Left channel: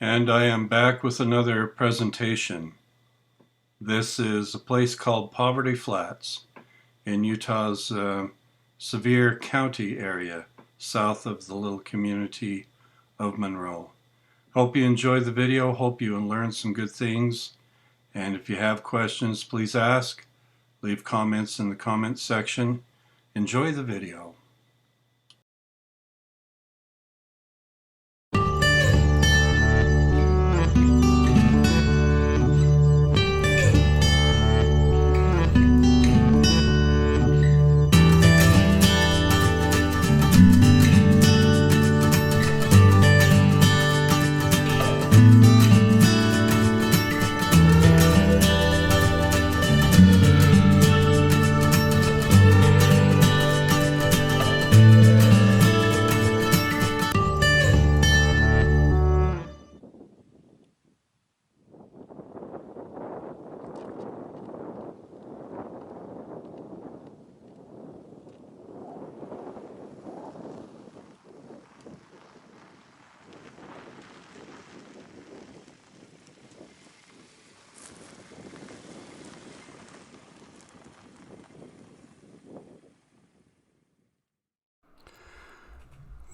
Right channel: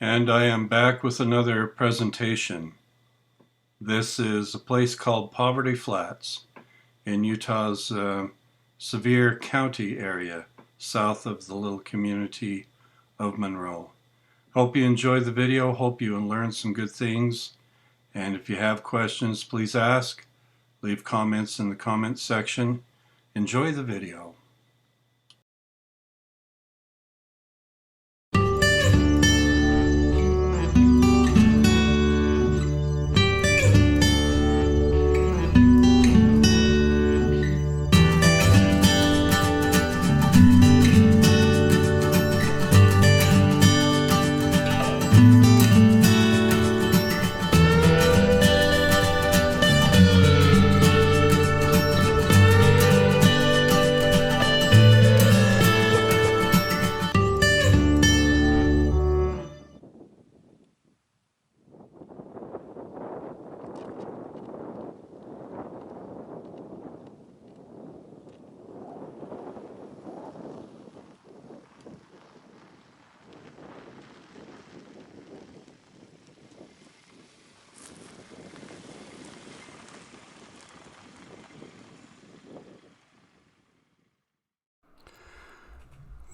And I am back with another presentation. This is a place called Poverty Flats in Utah's Sevier County area, south of the little community of Monroe. Hope you enjoy the video, hope you learn some good things, and if you have questions, please ask. Leave comments in the comments section. Enjoy the video.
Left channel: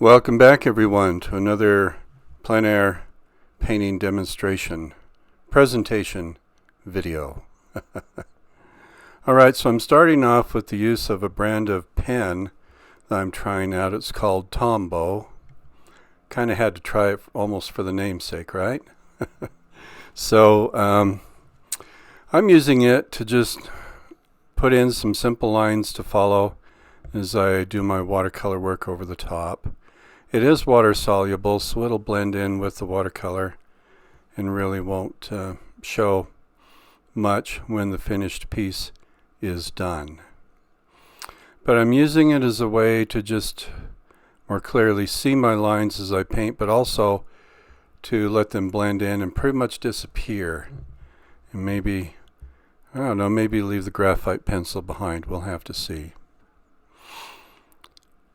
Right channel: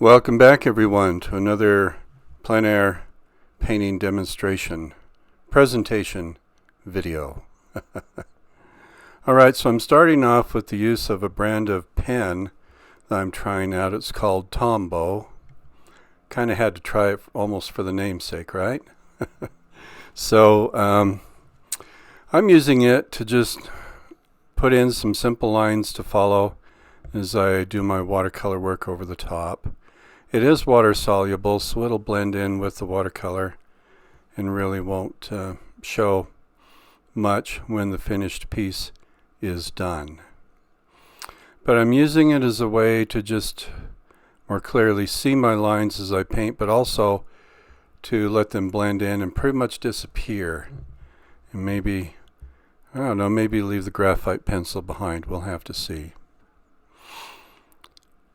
Welcome back, everyone, to another plein air painting presentation video. Alright, so I'm starting off with the use of a brand of pen that I'm trying out. It's called Tombow. Kind of had to try it almost for the namesake, right? So I'm using it to just put in some simple lines to follow as I do my watercolor work over the top. It is water soluble, so it'll blend in with the watercolor and really won't show much when the finished piece is done. But I'm using it as a way to just more clearly see my lines as I paint, but also to let them blend in and pretty much disappear. And maybe, I don't know, maybe leave the graphite pencil behind. We'll have to see.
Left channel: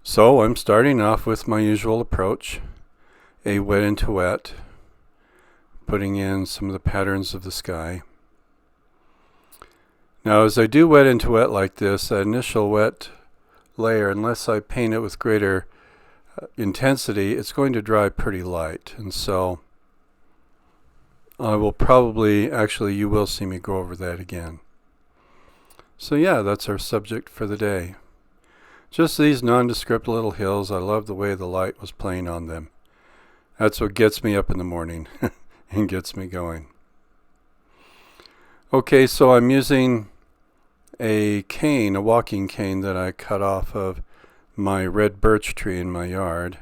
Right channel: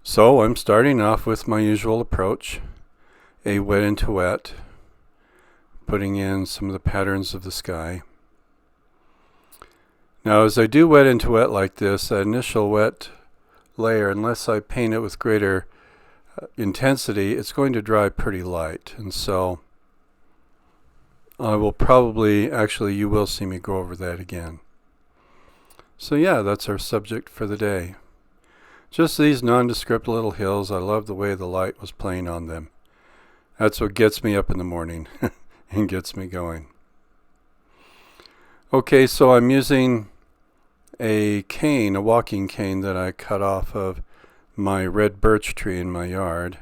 So I'm starting off with my usual approach, a wet into wet, putting in some of the patterns of the sky. Now as I do wet into wet like this, that initial wet layer, unless I paint it with greater intensity, it's going to dry pretty light. And so I will probably, actually you will see me go over that again. So yeah, that's our subject for the day. Just these nondescript little hills. I love the way the light was playing on them. That's what gets me up in the morning and gets me going. Okay, so I'm using a cane, a walking cane that I cut off of my red birch tree in my yard.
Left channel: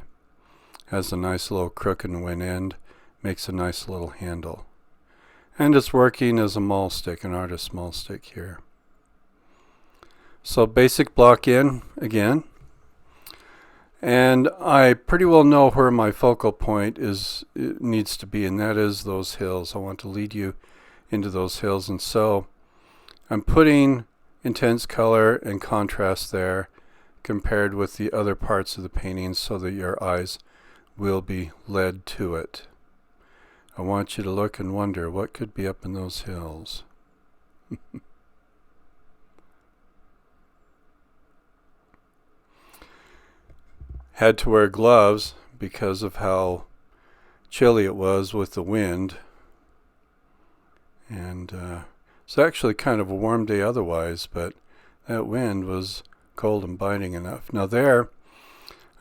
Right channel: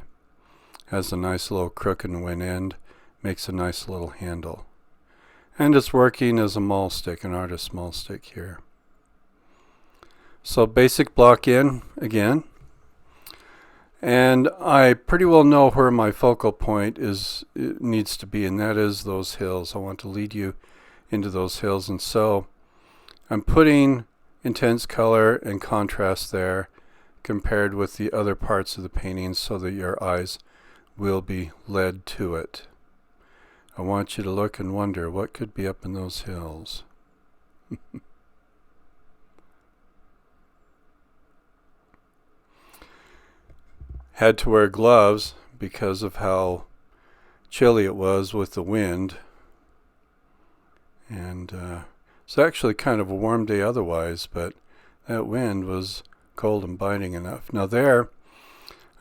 Has a nice little crook in one end, makes a nice little handle. And it's working as a maul stick, an artist's maul stick here. So basic block in again, and I pretty well know where my focal point needs to be, and that is those hills. I want to lead you into those hills, and so I'm putting intense color and contrast there compared with the other parts of the painting so that your eyes will be led to it. I want you to look and wonder what could be up in those hills. Had to wear gloves because of how chilly it was with the wind. And it's actually kind of a warm day otherwise, but that wind was cold and biting enough. Now there,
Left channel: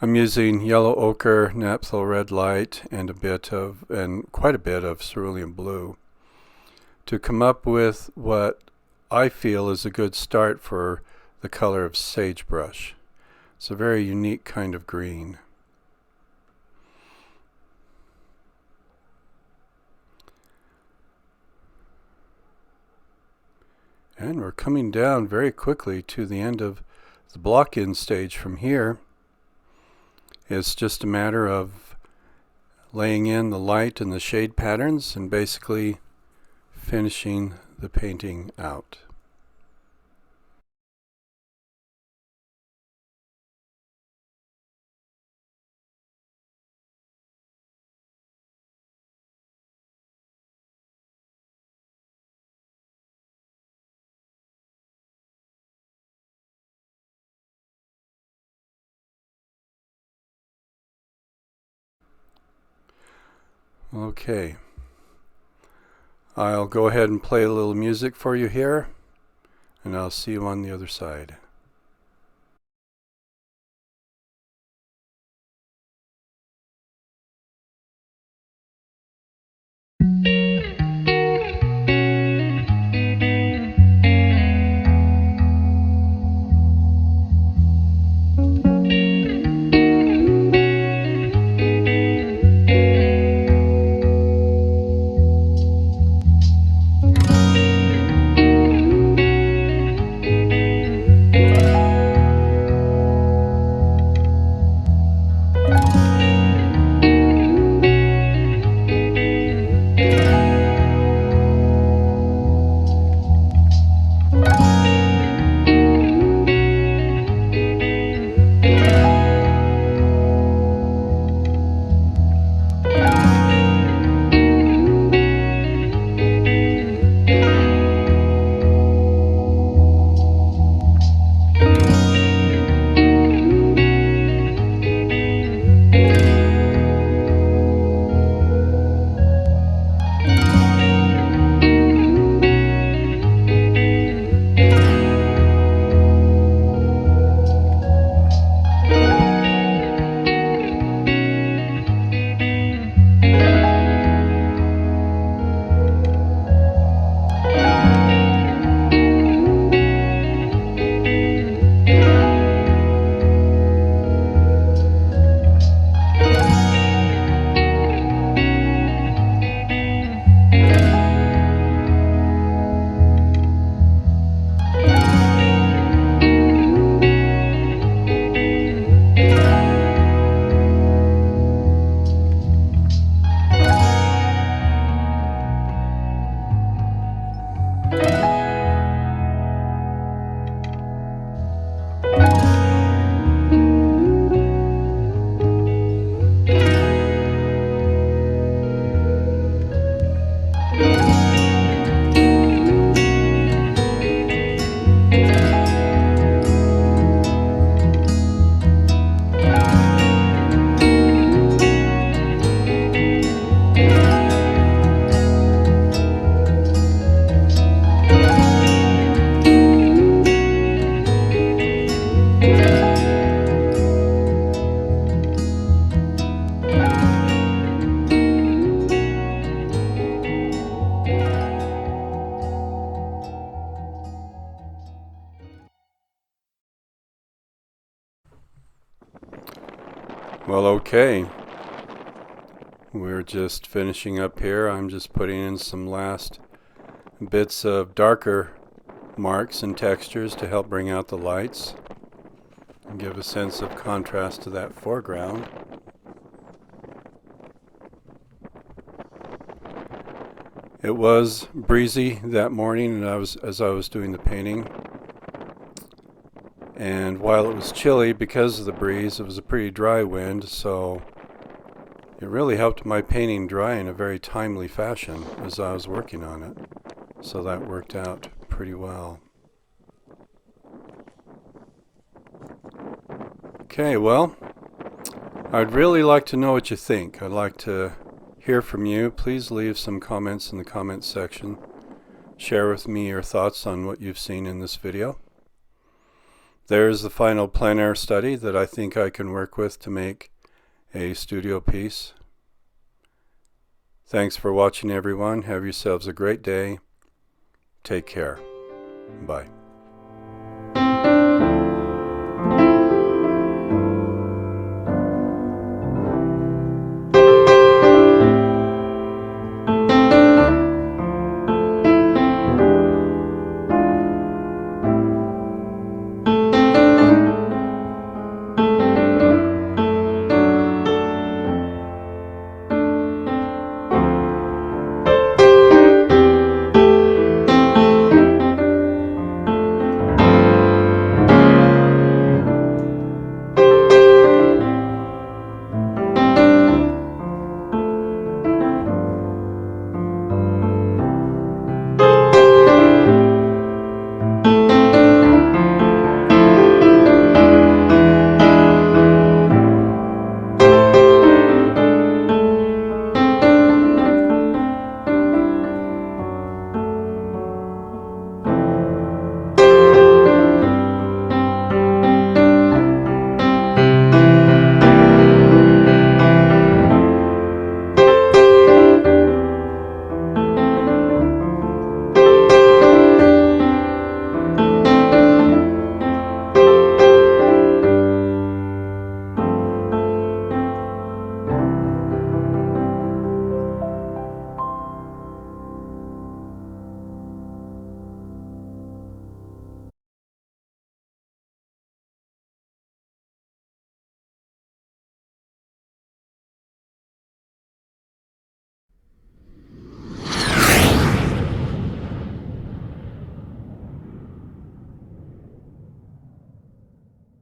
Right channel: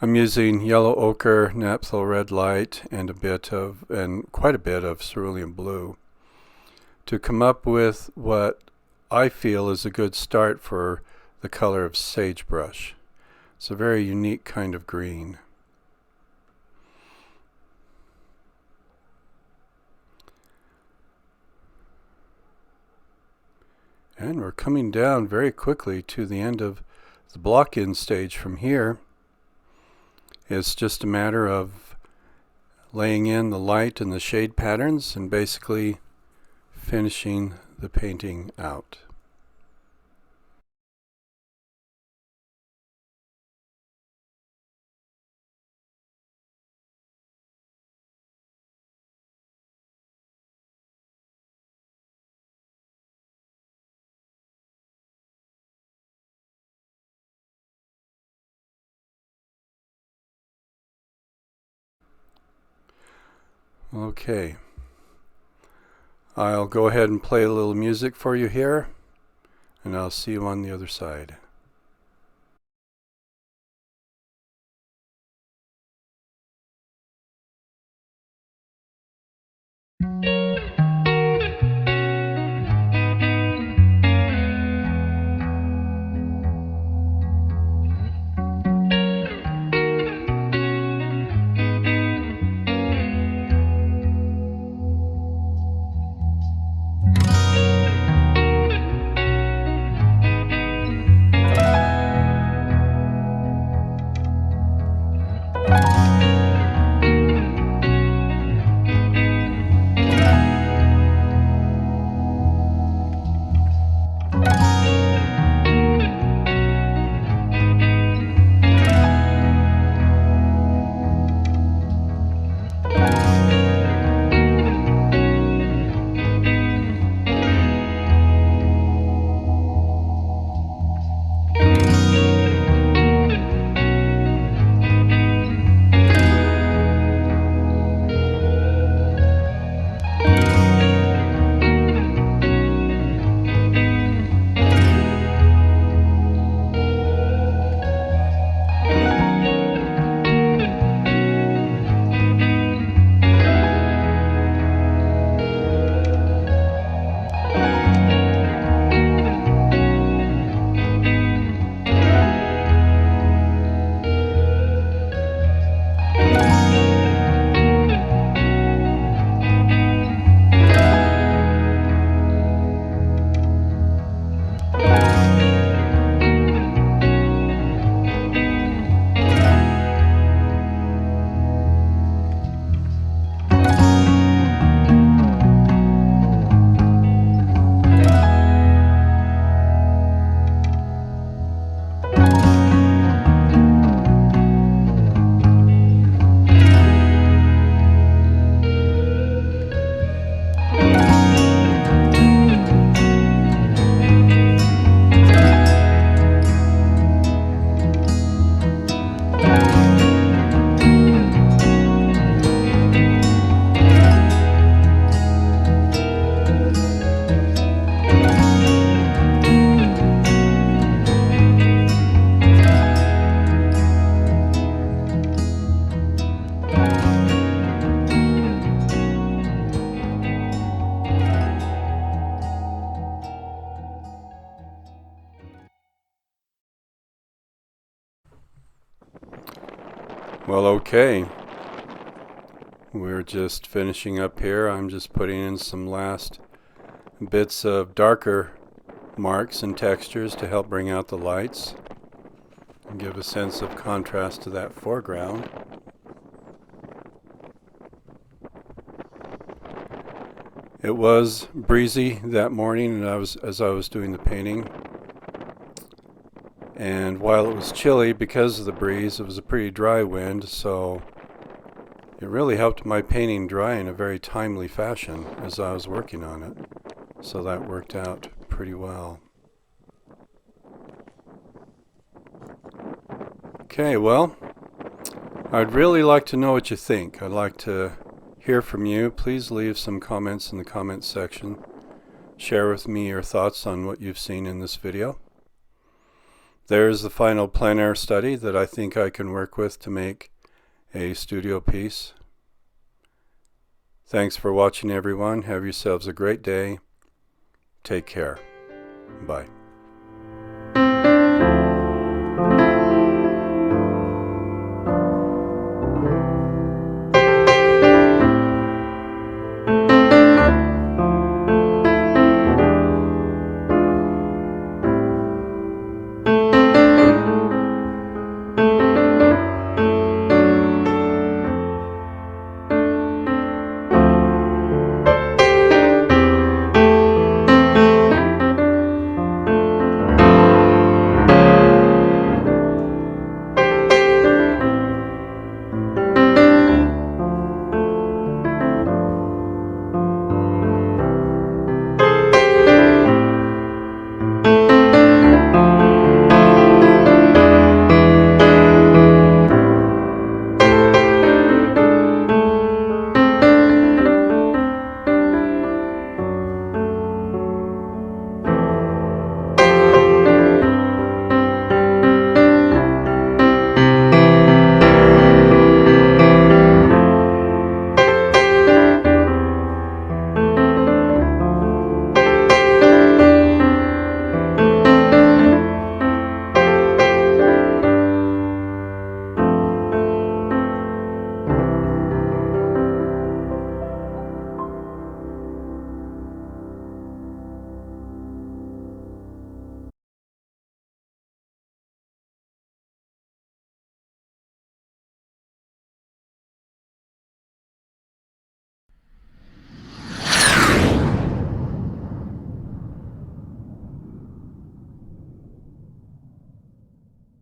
I'm using yellow ochre, naphtha red light, and quite a bit of cerulean blue to come up with what I feel is a good start for the color of sagebrush. It's a very unique kind of green. And we're coming down very quickly to the end of the block-in stage from here. It's just a matter of laying in the light and the shade patterns and basically finishing the painting out. Okay. I'll go ahead and play a little music for you here, and I'll see you on the other side. Well, okay. We're just finishing up here. I'm just putting in some last bits of darker marks and textures to help bring out the lights and give a sense of contrast to that foreground. It was breezy that morning as I was doing the painting. And while it was chilly because of the breeze, it was a pretty dry wind, so it really helped my painting dry in a very timely fashion as I was working on it. So that worked out pretty well. Okay, well, I'd really like to know what you think. I'd like to hear from you. Please leave some comments in the comments section. Share with me your thoughts on what you've seen in this video. There's the final plein air study that I think I can work with to make a studio piece. Thanks for watching, everyone. Have yourselves a great day. Take care. Bye.